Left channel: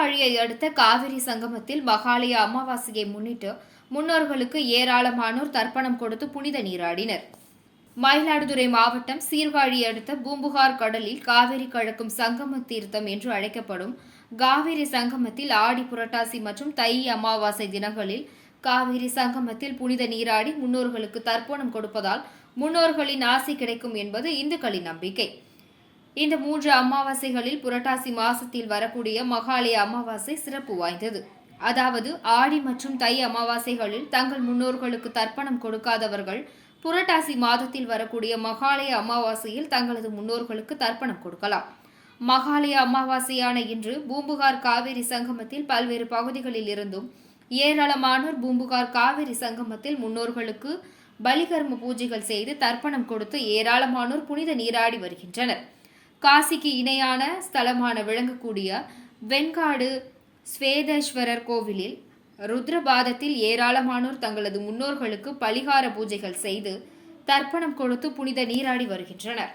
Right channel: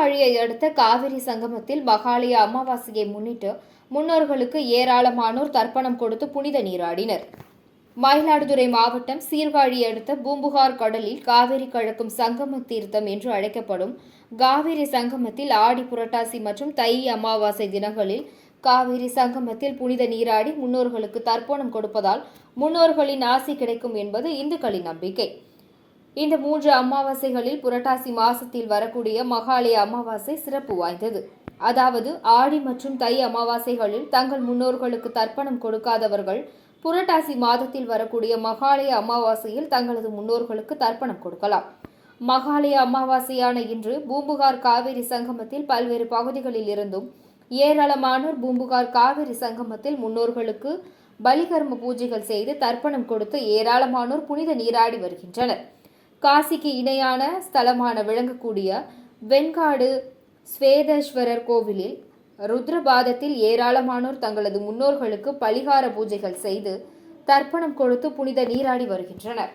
காவிரி சங்கமத்தில் மகாலய அமாவாசையை முன்னிட்டு முன்னோர்களுக்கு ஏராளமானோர் தர்ப்பணம் கொடுத்து புனித நீராடினர். மயிலாடுதுறை மாவட்டம் சீர்காழி அடுத்த பூம்புகார் கடலில் காவிரி கழக்கும் சங்கம தீர்த்தம் என்று அழைக்கப்படும் காவிரி சங்கமத்தில் ஆடி புரட்டாசி மற்றும் தை அமாவாசை தினங்களில் காவிரி சங்கமத்தில் புனித நீராடி முன்னோர்களுக்கு தர்ப்பணம் கொடுப்பதால் முன்னோர்களின் ஆசி கிடைக்கும் என்பது இந்துக்களின் நம்பிக்கை. இந்த மூன்று அமாவாசைகளில் புரட்டாசி மாசத்தில் வரக்கூடிய மகாலய அமாவாசை சிறப்பு வாய்ந்தது. அதாவது ஆடி மற்றும் தை அமாவாசைகளில் தங்கள் முன்னோர்களுக்கு தர்ப்பணம் கொடுக்காதவர்கள் புரட்டாசி மாதத்தில் வரக்கூடிய மகாலய அமாவாசையில் தங்களது முன்னோர்களுக்கு தர்ப்பணம் கொடுக்கலாம். மகாலய அமாவாசையான இன்று பூம்புகார் காவிரி சங்கமத்தில் பல்வேறு பகுதிகளில் இருந்தும் ஏராளமானோர் பூம்புகார் காவிரி சங்கமத்தில் முன்னோர்களுக்கு பலிகர்ம பூஜைகள் செய்து தர்ப்பணம் கொடுத்து ஏராளமானோர் புனித நீராடி வருகின்றனர். காசிக்கு இணையான ஸ்தலமான விளங்கக்கூடிய வெண்காடு ஸ்வேதேஸ்வரர் கோவிலில் ருத்ரபாதத்தில் ஏராளமானோர் தங்களது முன்னோர்களுக்கு பலிகார பூஜைகள் செய்து தர்ப்பணம் கொடுத்து புனித நீராடி வருகின்றனர்.